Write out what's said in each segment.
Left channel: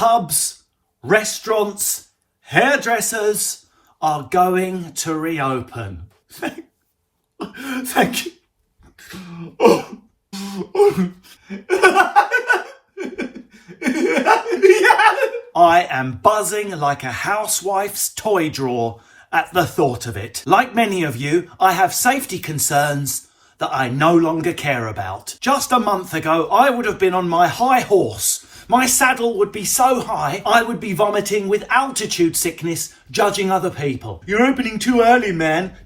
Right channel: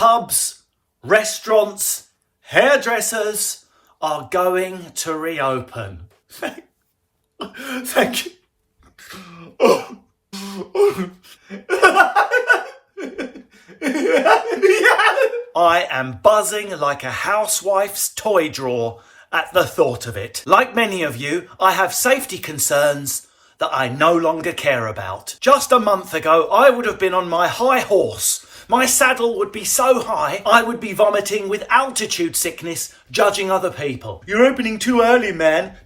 pubs, restaurants, hairdressers are going to reopen. Thank you. I am buzzing like a housewife's toy drawer at the thought of it. Like many of you, I have safety concerns that I no longer care about. Just a month ago, I would have been on my high horse. My saddle would be so high, I would be vomiting with altitude sickness, judging other people. You're opening too early, man.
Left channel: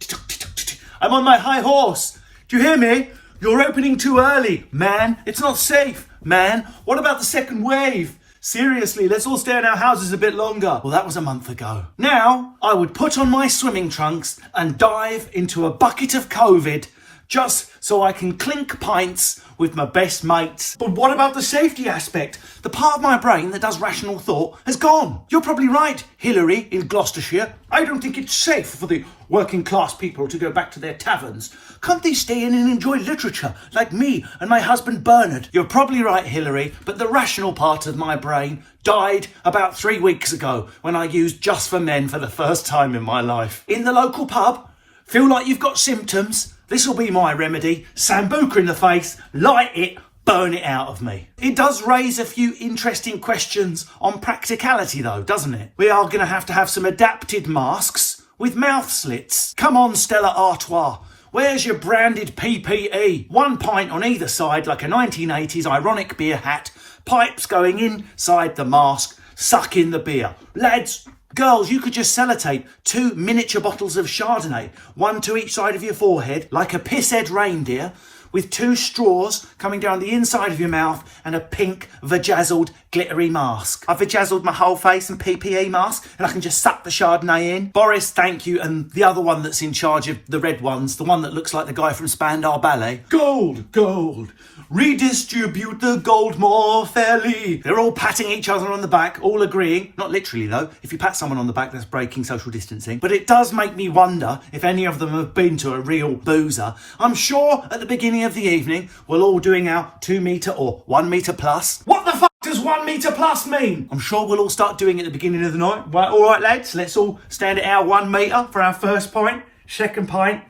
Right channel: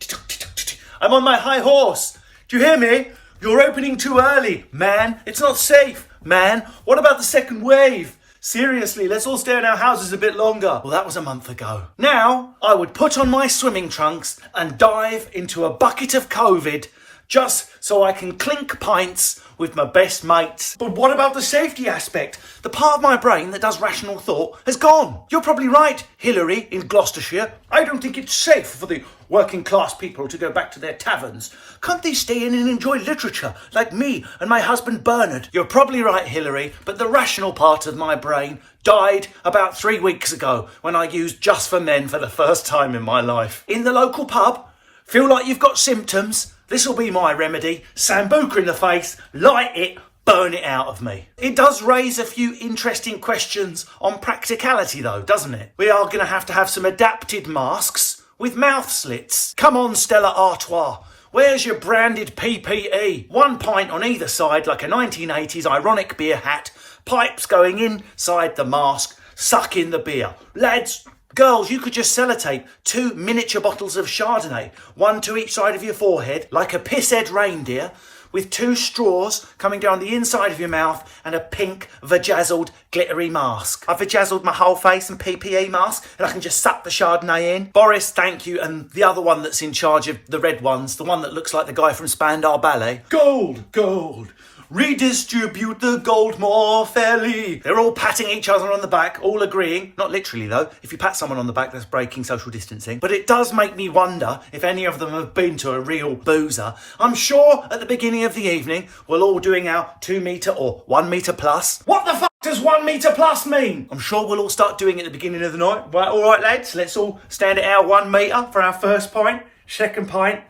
I'm on my high horse. Do you hear me? You're opening too early, man. It's not safe, man. What about the second wave? Seriously, let's all stay in our houses a bit longer. Well, that was a month ago. Now, I would put on my swimming trunks and dive into a bucket of COVID just so I can clink pints with my best mates. But what about the safety aspect? The part of my brain that does rational thought has gone. You're probably right, Hillary in Gloucestershire. I don't think it's safe for the working class people to go back to their taverns. Can't they stay in and enjoy literature like me and my husband Bernard? You're probably right, Hillary, but the rational part of my brain died about 3 weeks ago when I used Just for Men for the first time in my life. In the local pub, feel like you've got symptoms? This'll be my remedy. Sambuca in the face, light it, burn it out of me. It does raise a few interesting questions on practicality though, doesn't it? We are going to have some adapted masks with mouth slits. Come on, Stella Artois. Where's your branded PPE? 1 pint on either side like a 1980s ironic beer hat, pipes going inside the mask, sucking the beer. Lads, girls, you could just sellotape 2 miniature bottles of Chardonnay, 1 to each side of your forehead, like a pisshead reindeer, with 2 straws coming down the inside of your mouth and a pink, vajazzled, glittery mask. I've vajazzled my whole face and PPE mask, and I can just suck the Chardonnay in. Boris, thank you, and the other one that's in charge of the red ones, the one that looks like the guy from Spandau Ballet. Gold, gold. Redistribute the gold more fairly. They're all patting each other on the back, all agreeing. Not literally though. If you pat someone on the back, that's breaking social distancing. But it does make me wonder if any of them have been to a real boozer. I'm sure at the beginning of the evening, we're all doing our 2 metre or 1 metre plus. What the fuck does 1 metre plus mean? I'm sure we'll all start doing it at the beginning of the night. Right, all right, lads, let's all stand at our 1 metre for our first pint, second pint,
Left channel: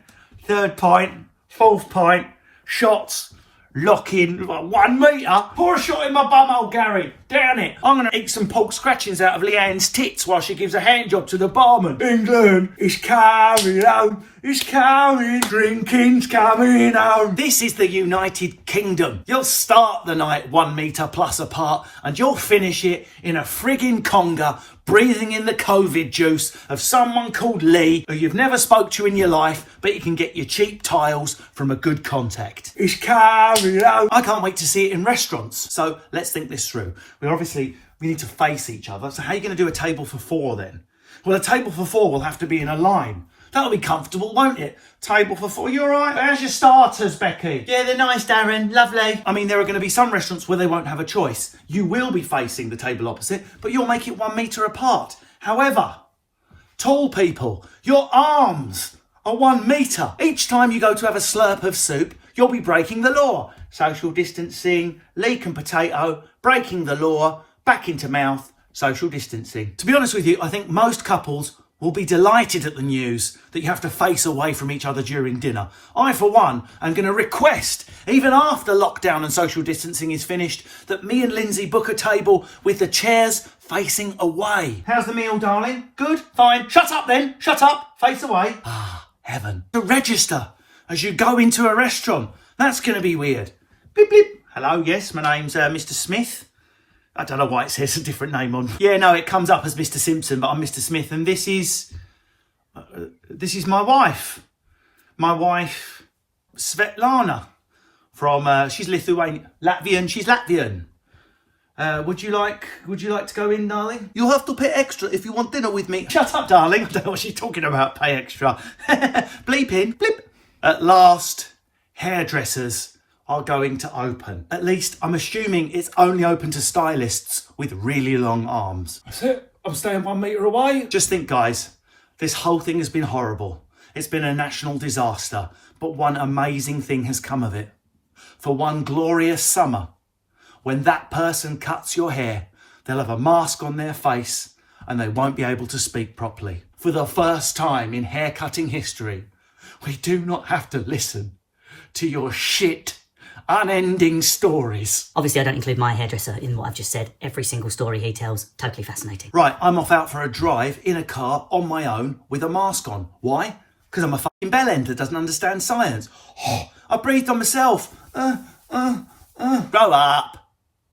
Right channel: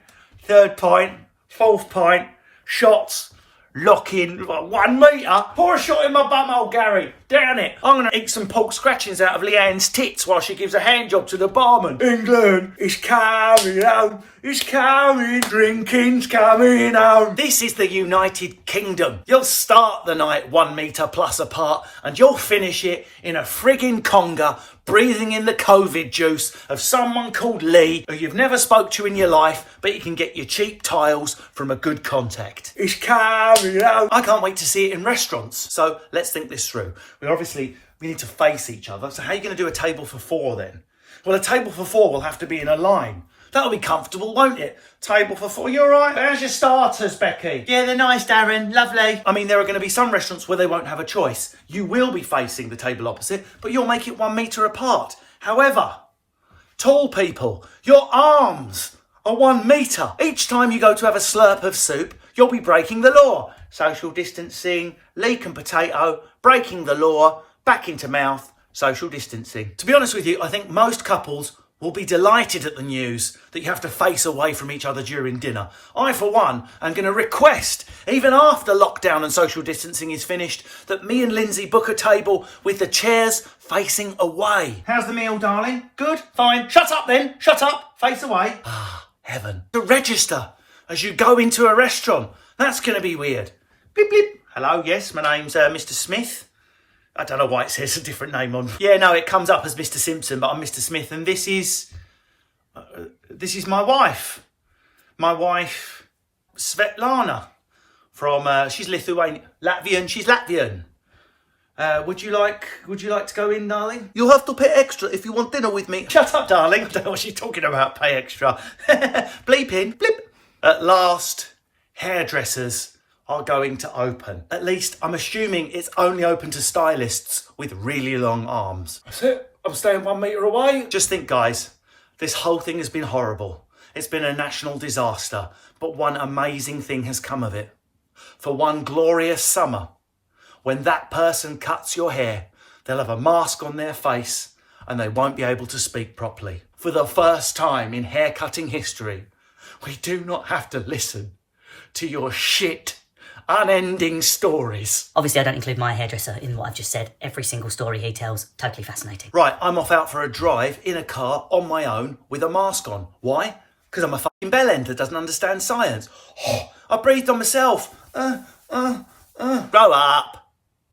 third pint, fourth pint, shots. Lock in 1 metre. Pour a shot in my bumhole, Gary. Down it. I'm going to eat some pork scratchings out of Leanne's tits while she gives a hand job to the barman. England is coming home. It's coming. Drinking's coming home. This is the United Kingdom. You'll start the night 1 metre plus apart and you'll finish it in a friggin' conga, breathing in the COVID juice of someone called Lee, who you've never spoke to in your life, but you can get your cheap tiles from a good contact. It's coming out. I can't wait to see it in restaurants. So let's think this through. We need to face each other. So how are you going to do a table for 4 then? Well, a table for 4 will have to be in a line. That'll be comfortable, won't it? Table for 4. You all right? How's your starters, Becky? Yeah, they're nice, Darren. Lovely. I mean, there are going to be some restaurants where they won't have a choice. You will be facing the table opposite, but you'll make it 1 metre apart. However, tall people, your arms are 1 metre. Each time you go to have a slurp of soup, you'll be breaking the law. Social distancing, leek and potato, breaking the law, back into mouth, social distancing. To be honest with you, I think most couples will be delighted at the news that you have to face away from each other during dinner. I, for one, am going to request, even after lockdown and social distancing is finished, that me and Lindsay book a table with the chairs facing away. How's the meal, darling? Good? Fine. Shut up then. Shut up. Face away. Ah, heaven. To register as you go into a restaurant. That's going to be weird. Bleep, bleep. Hello, yes, my name's Mr. Smith. I don't know why it says a different name on. Yeah, no, it comes up as Mr. Simpson, but I'm Mr. Smith, and this is my wife. My wife, Svetlana, from she's Lithuanian, Latvian. She's Latvian. Would you like to go in, darling? You'll have to pay extra if you want dinner with me. Shut up, darling. I don't know what she's talking about. Pay extra. Bleep in. Blip. At last, hairdressers are going to open. At least I'm assuming it's only open to stylists with really long arms. That's it. I'm staying 1 metre away. Just think, guys, this whole thing has been horrible. It's been a national disaster, but one amazing thing has come of it. For one glorious summer, when that person cuts your hair, They'll have a mask on their face and they won't be able to speak properly. For the first time in haircutting history, we do not have to listen to your shit, unending stories. Obviously, I don't include my hairdresser in what I've just said. Every single story he tells, totally fascinating. Right, I'm off out for a drive in a car on my own with a mask on. Why? Because I'm a fucking bellend that doesn't understand science. I breathed on myself. Grow up.